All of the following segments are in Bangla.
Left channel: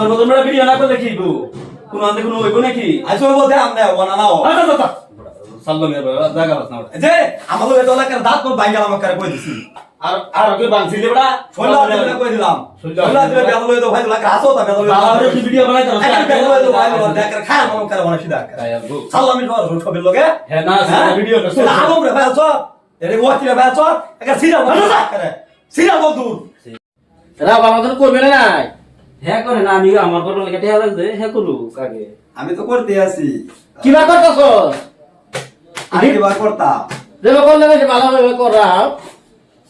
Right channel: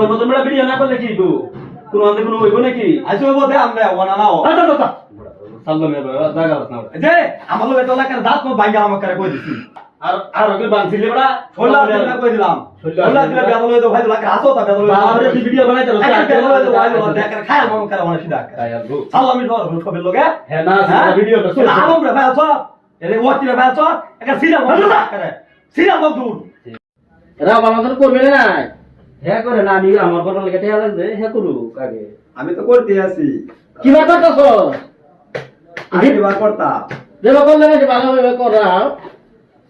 তোর মতো মেলা ভিডিও না করলে কি গো কোন আনতে কোনো হইব নাকি? আইসো বলতে আমরা ওনা নাও। আচ্ছা আচ্ছা সাল্লাম এর জায়গা বাস না যে আমাদের এত এলাকার দাঁত মো বাইঙ্গা আমাকে কই দিছি? আর আর কি বানছিলি বড়া ছোলা দিলে কই দিলাম। ছোলা দিলে বেদল হইতো ভাই লাগা আসো তা বেদল আর হইতো ভিডিও বানাই দাও বেদল হইতো ভাই দেখ খায় মন করে অনেক সিধা কায়ার গো সাল্লাম ইন বড় সবের লগে হ্যাঁ না ভিডিওটা এটা আলু রে বেচ এরে ওয়াকি রে ভাই বেচ একটা সিরা করে। সিরা দল দূর। রাব আমাদের করবে না হ্যাঁ করে না আমি আমার করো লাগে টেহা লাগছে হ্যাঁ করু কাকে আমি তো করতে আছি। কিবা করতেছ আমি কিবা করতা যেবা করলে বেশি ভালোভাবে করা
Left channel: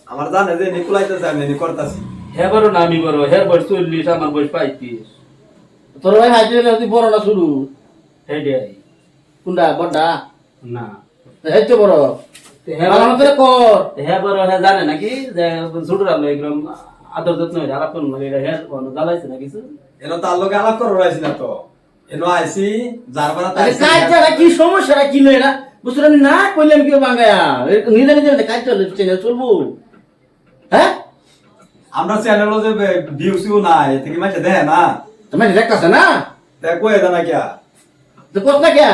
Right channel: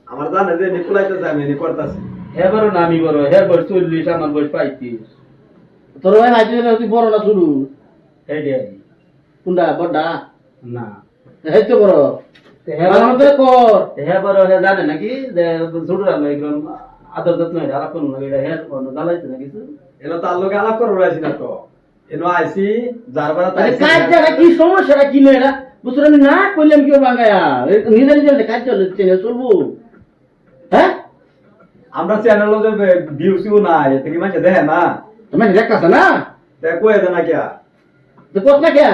আমার জানে যে নিকুলাই তো যাবে নি করতাছি। হ্যাঁ বড় না আমি বড় হ্যাঁ বয়স চল্লিশ আমার বয়স পঁয়ত্রিশ। তোর ভাই হাইতে দিলে হতে বড় না শুরু? হ্যাঁ ডে কোনটা বড়টা না। এই তো বড়। হ্যাঁ কর। হ্যাঁ বড় হ্যাঁ জানে নাকি যে ছোট রাখল এগুলো আদর যত্ন হয়ে আলাপ করুন এটা হ্যাঁ জ্বালাইছে না কিছু? এনো তার লগে আলাপ করে রয়েছি না তো। এনো আইছি যার বেলা আরে কাজটা কি সমস্যাটা কি নয় না বুঝতে আমি না কইলাম কি বাঙ্গায়া? নিজে নিজে কাজ চলে চেনে চলবো। হ্যাঁ? আমরা চ্যানেলও যে ভিউ সিউ নাই এতে কি মাঝে দেয় না। তুমি নিজে কাছে না? দেখো এদা না কিয়া। তো কত না কে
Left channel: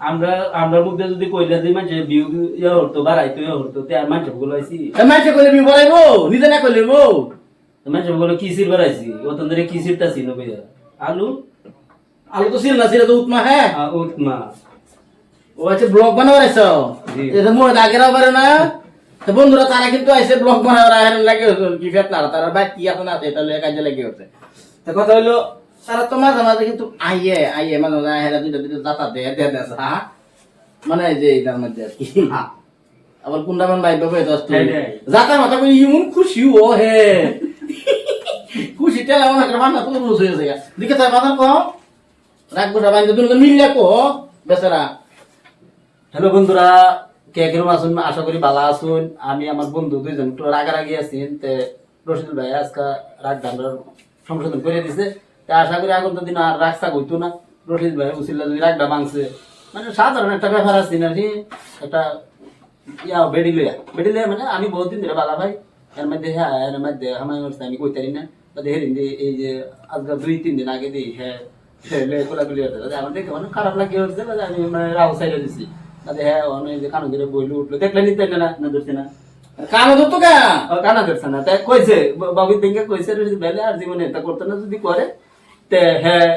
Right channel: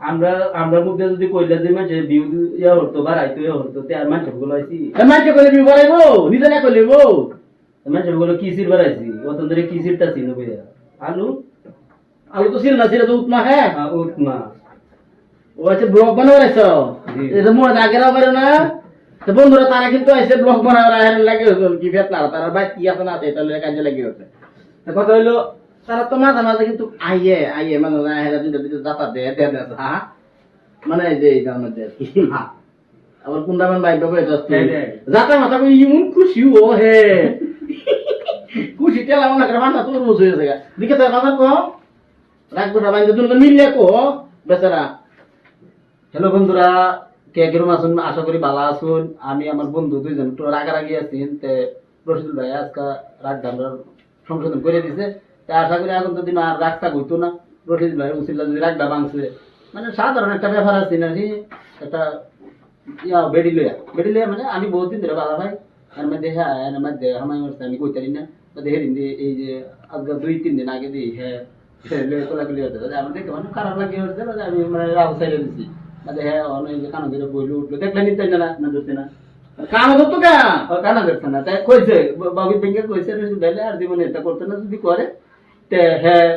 আমরা আমরা মধ্যে যদি কইলে দিই মানে বিউ ইয়া হতো বাড়াইতো ইয়া হতো তে আর মানুষগুলো আইছি মাইছে কইলে বি বলাইবো নিজে না কইলে বো মানুষগুলো কিসির বাড়াইছি অত ধরে কিসির তা ছিল ভাইয়া আলু? আলু তো ছিল না ছিল তো উৎমা হ্যাঁ? আ, উৎমা ও আছে ব্লগ বানাবার আইছো জি। এটা মোর আগেরাও পারে না। তো বন্ধুরা তারা কিন্তু আইসে ব্লগ বানাবার আহেন লাগে কি ফেত না তারা ভাই কি আছে না এটা লয়ে কাজে লাগে হচ্ছে তো কথা হইল তারা তো মাঝে মাঝে কিন্তু আইয়ে আইয়ে মানে আহেরা দুইটা দুইটা দাতা দে দে দে হ্যাঁ মানে এই যে এটার মধ্যে কি আবার কুন্ডামান ভাই দশ হ্যাঁ, হ্যাঁ। যাতা মাথা কই ইমন খুশি ও হে। তেলা মনে করে মাথা তোর রুস হয়েছে গা দিকে তার মাথা কো রাখব সবাই দুজন মিললে কো বেচারা। হ্যালো বন্ধুরা, কে কিরম আসুন আশা করি ভালো আসুন আমি আমার বন্ধু দুইজন একটু রাগারাগি আছি তে রশিদুল ভাই আজকে রাগ ধান্ডার সংশোধন করে দিছে। তে আশা করি আগন্ত দিন আর রাগসা হইতো না। রশিদ ভাই উচিল্লা যদি রাগটা ভাঙছে মানে সাধারণ একটা ব্যাপার আছে না কি একটা ইয়া, বেডি লইয়া। বেডি লইয়া মানে আমি বহুত দিন ধরে বালা ভাই। এর মধ্যে হ্যাঁ এর মধ্যে হামাই আমি কইতারি না। হেরিন দিয়ে এই যে আজকে দুই তিন দিন আগে দিই হ্যাঁ কোলাকুলি হতে আমার দেখে মানে খারাপ লাগে হচ্ছে বাদে আমি মানে রাও সাইডে দিছি। বাদে হ্যাঁ অনেক যে কানো ধরে বইলে উঠল। দেখলে নিতে না না ধরছে না। কানো ধরতো কা? কানা ধরছে না। তাই কইছে বাবু দিনকে কইছে ভাই আর জীবনে এটা করতে না যদি করে তে হ্যাঁ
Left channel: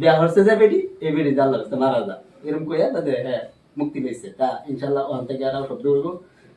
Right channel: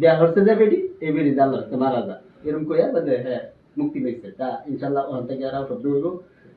বিয়া হচ্ছে যে বেডি এই বেডি জাল্লা হচ্ছে মারা যা। এরকম কইয়া বাদে হ্যাঁ মুক্তি পাইছে। তা ইনশাল্লাহ ওখান থেকে আর শব্দ হইব।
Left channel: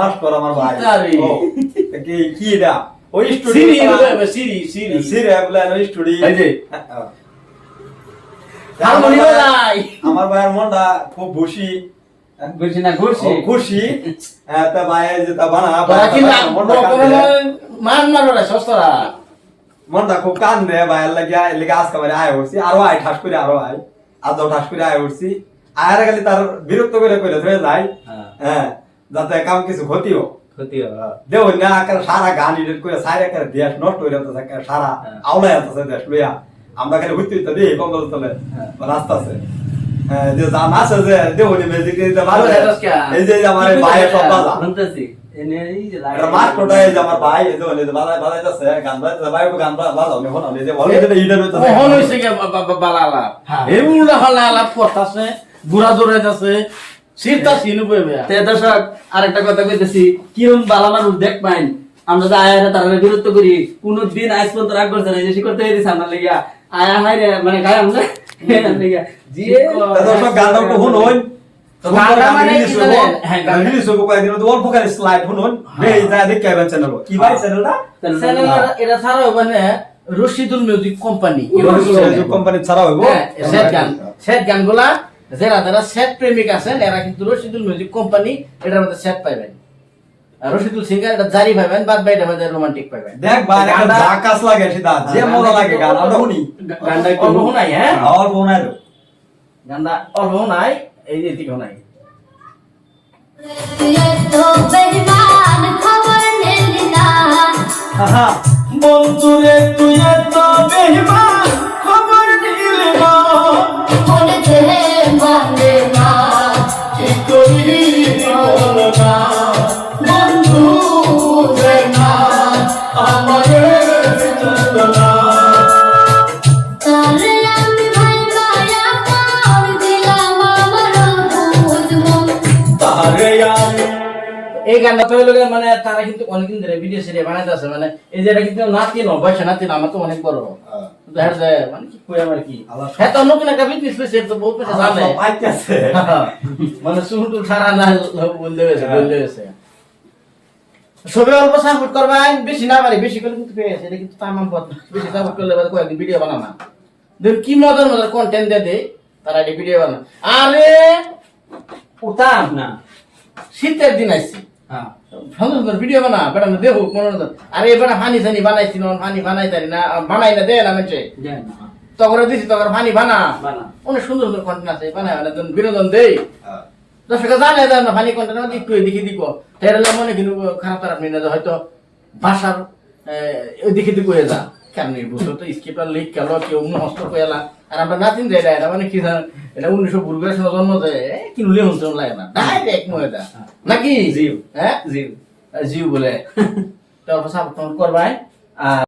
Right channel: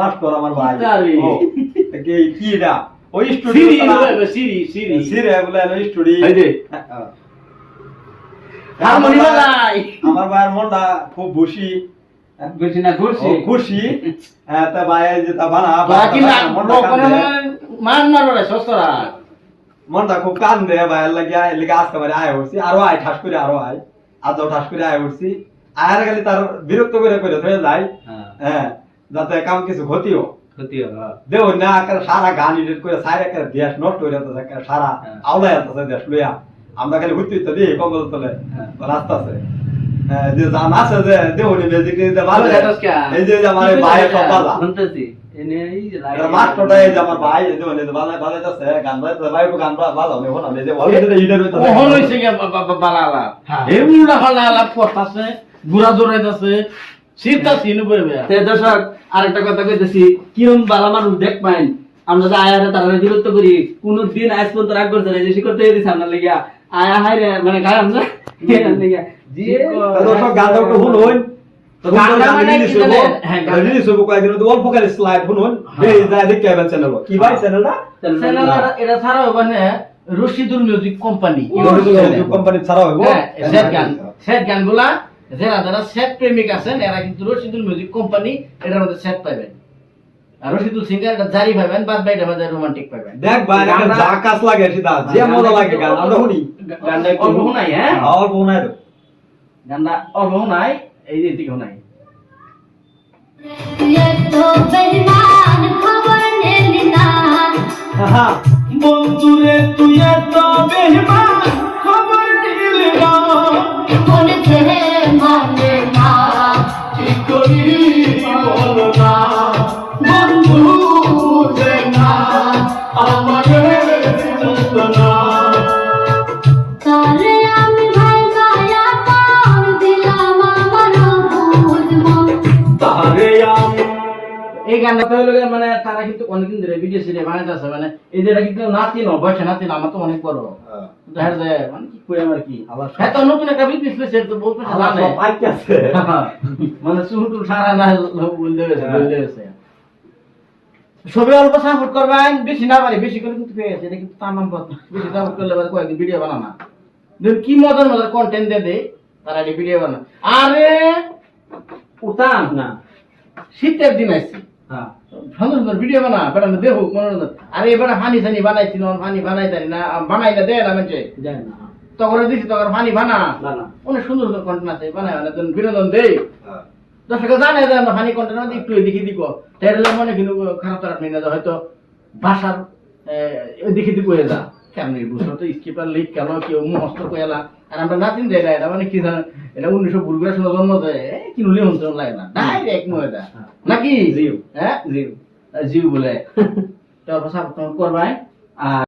মাস্টার আমার ভাই। কি কি দা ওই সিরি স্টুডিও সিরি সিরি। সির ওই স্টুডিও এই যে। আমার ভাইয়ের মনটা খুব খুশি। বুঝি না ও, খুশি। হ্যাঁ, তা ভাই যে তা বানা বাকি। মান মারো রে সস্তরা। মনটা খুব কান্দে ভাইয়ের লাগিয়া এলিগে আজকে বারে আয় উঠছি আরও আয় ঠাস করে আরও আয়। আদৌ ঠাস করে আয় উঠছি আয়ার গেলে তার বিরক্ত করে করে ধরে যায়। হ্যাঁ। হ্যাঁ। যাতে কাম কিছু ক্ষতিও। ক্ষতি হবে দেও না আকার সারা গান এডিট করে সারা করে দেশ নষ্ট হয়ে যাচ্ছে সারা হ্যাঁ। আওলা যাচ্ছে দেশ লইয়া। আমরা খালি হইতে দিই কম্বল তলে হ্যাঁ। রাস্তা আছে। হ্যাঁ, যে জান আছে যে দেও নি মেজিক দিতে পারবে এই যে আমার ভাই সব বাজা। শুনতেছি। এনে এই যে এটা মাস্টারটা আমার ভাই এই যে মানে বাজাই বাজাইতেছে গান বাজাইতেছে ভাই গান বাজাও নে হলো এই যে ওই যে ইডার হইতাছে। মোহন হইছে গে বালা আলাপ হ্যাঁ। এই উল্টা ফাল্টা আলাপ করতাছে গুড়া দৌড়াইতাছে সিরতা সিনু পড়বে তে দর্শক আরেকটা কথা কইতেছি কিরম বালা মানুষ দেখ পাইন? আমরা যে আয়া তার বিরক্ত করি কোন দিন আজ পর্যন্ত রাগ করছে না যে শিকড় তৈরি আমরা লাগিয়া। আয়া হাই রে মানে গায় আমরা লাগিয়া। জিয়ে দর্শক গানটা একটু শুনুন। তো গানটা মানে? হ্যাঁ, গানটা- রিলিজ হব কয়েকদিন তো অল্প করে স্লাইড শুনুন। এই যা দেখতে আইবেন চ্যানেল কি ভাই চ্যানেলটা চ্যানেল এটা ছাড়া মানে রশিদুল মিউজিক কোম্পানি কোম্পানি ছাড়া হইব। হ্যাঁ সেট গান। সেট গানগুলা যারা যারা সেট প্রেমিক আছেন এরা কিন্তু রশিদুল মিউজিক কোম্পানি এটার মধ্যে সেট পাইবেন। রশিদুল সিং এটা জারি পাইবেন বাদ বাই এটা মধ্যে রোমান্টিক পাইবেন। দেখ ভাই একটা ঝাকাস লাগে সেটা যে মজা লাগে গান আমরা শুনি। গানটা একটু শোনাই হ্যাঁ? হ্যাঁ? অল্প শোনাই গানটা অল্প নাই এই যে দিকে শোনাই। বন্ধুরে তুই এত বেহমান তো হলো মানে তারা কিন্তু অনেকদিন ধরে ভিডিও আছে মানে এই যে এটা কিন্তু নাতি ন বয়সে নাতি না আমার তো অনেক বড়। দেখা যায় মানে কি কই আমার কি? হ্যাঁ তো নতুন একটা বিজনেস পেয়েছে তো বহুত পয়সা জানে। পাইতেছে। মানে শুরু সারা না বলতে হয়েছে বলতে হয়েছে সবে অল্প সাপোর্ট করবেন বেশি না পারি বেশি করে কিন্তু পেয়েছে এটা কিন্তু তামাম পথ। বেশি সাপোর্ট করলে কয়েকদিন ভিডিও বানানা দেখুন কি মজার মজার কন্টেন্ট দিয়ে দে তারা ভিডিও বানা আরে উতাম না। শীতের দিন আইছি হ্যাঁ। সুন্দর সুন্দর ভিডিও বানা বেটা দেখো মনোরঞ্জন আরে এবার ফানি সানি বানাইছি না ফানি বানাই তারি না বানাই না দে না মেছে না। তখন দিছি তখন ফানি বানা। বানা। অনেক সুন্দর সুন্দর কন্টেন্ট আছে বানায় মানে বিনোদন দেই। দর্শকে জানে দেয় না ফানি কন্টেন্ট একটু এদিকে দিব তাহলে মনে কিন্তু খারাপ না হয়তো ভাষার ওই দিকে দিকে হয়ে যা কেমনি বুঝলো তো স্কিপার লিক কেন কেউ মস্ত কয়েলা আর আমরা নাতিন যাই এটা মানে কি জান? এটা উনিশশো বুলগার সময় জন্ম যায় কি নুলে হতে লাগে না। ডাইরেক্ট মনে যা নাকি? জিও। হ্যাঁ? জিও জিও বলে। তারপর সাপোর্ট করবাই। আর